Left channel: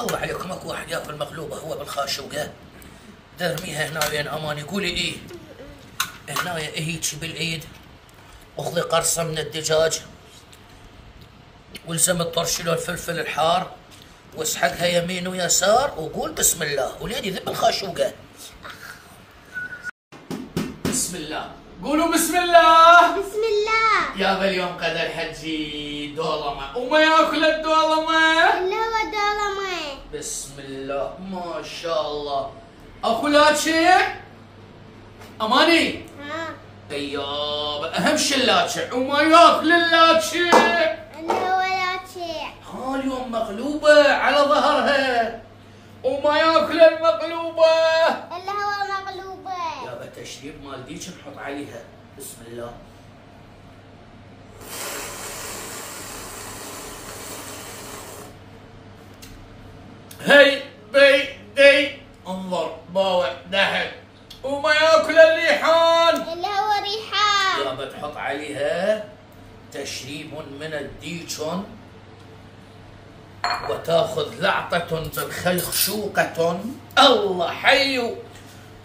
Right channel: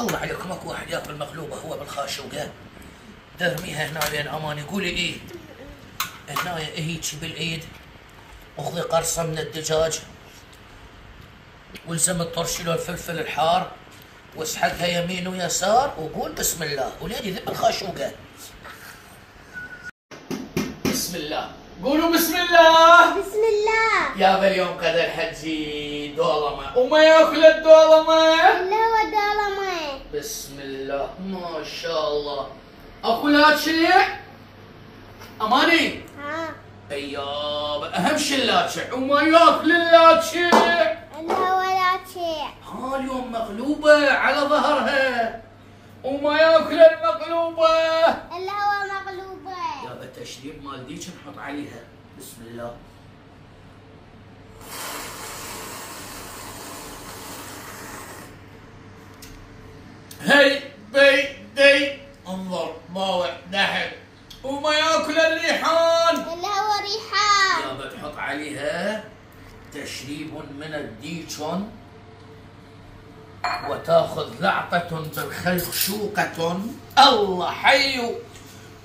الله عليكم، اكو واحد ياكل مقلوبه هو بالخاشوقه، ترميها هنا بين امان. يقولي ايه هنا هيك بالايد، اخذي قرصه من الدجاج والزم الطرشيل والفلفل الحار واسحقها يمين ويسار وقول بسم الله وليدي ذب الخاشوقه. بسم الله، قولوا بسم الله. بسم الله. يابا اليوم قدر الحجي دولمه وما ياكل الدولمه اللي هو دولمه. بسم الله ما شاء الله. اكو لاتشع اماني. ها يابا اهم شيء اللاتشع وما ياكل اللاتشع. اللي هو لاتشع. ها اليوم مقلوبه على ظهرها وما ياكل المقلوبه. اللي هو مقلوبه. يابا التشريب مال ديك نحط عليها. بسم الله. هي بي دي انظر باوع دحك وما ياكل الريحان. اللي هو ريحان. يابا تحط عليها تشريب من الديشون وتاخذ لعطة بالخلخشوقة. الله حي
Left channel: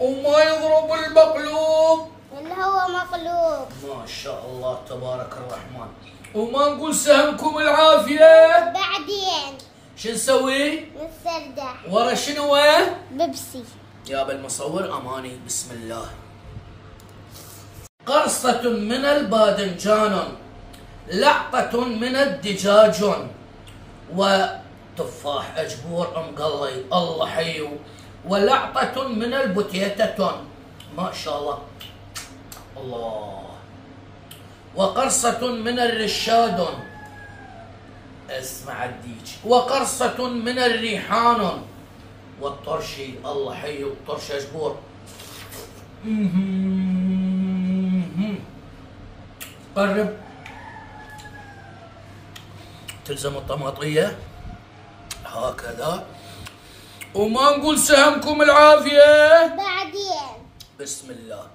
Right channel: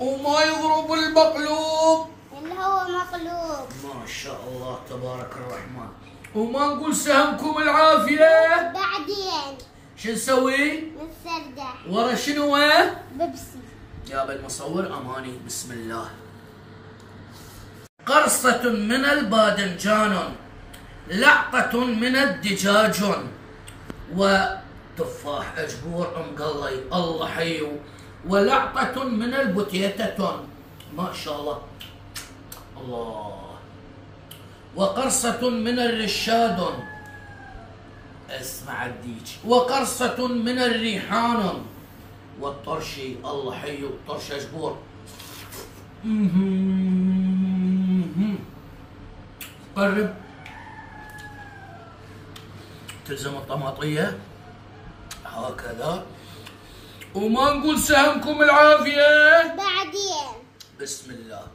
وما يضرب المقلوب. اللي هو مقلوب. ما شاء الله تبارك الرحمن. وما نقول سهمكم العافية. بعدين شو نسوي؟ نستردح. ورا شنو؟ بيبسي. يابا المصور اماني. بسم الله. قرصة من الباذنجان، لعطة من الدجاج، وتفاح اجبور مقلي الله حيو، ولعطة من البتيتة ما شاء الله الله، وقرصة من الرشاد اسمع الديج، وقرصة من الريحان، والطرشي الله حيو طرش اجبور. قرب تلزم الطماطية هكذا وما نقول سهمكم العافية. بعدين بسم الله.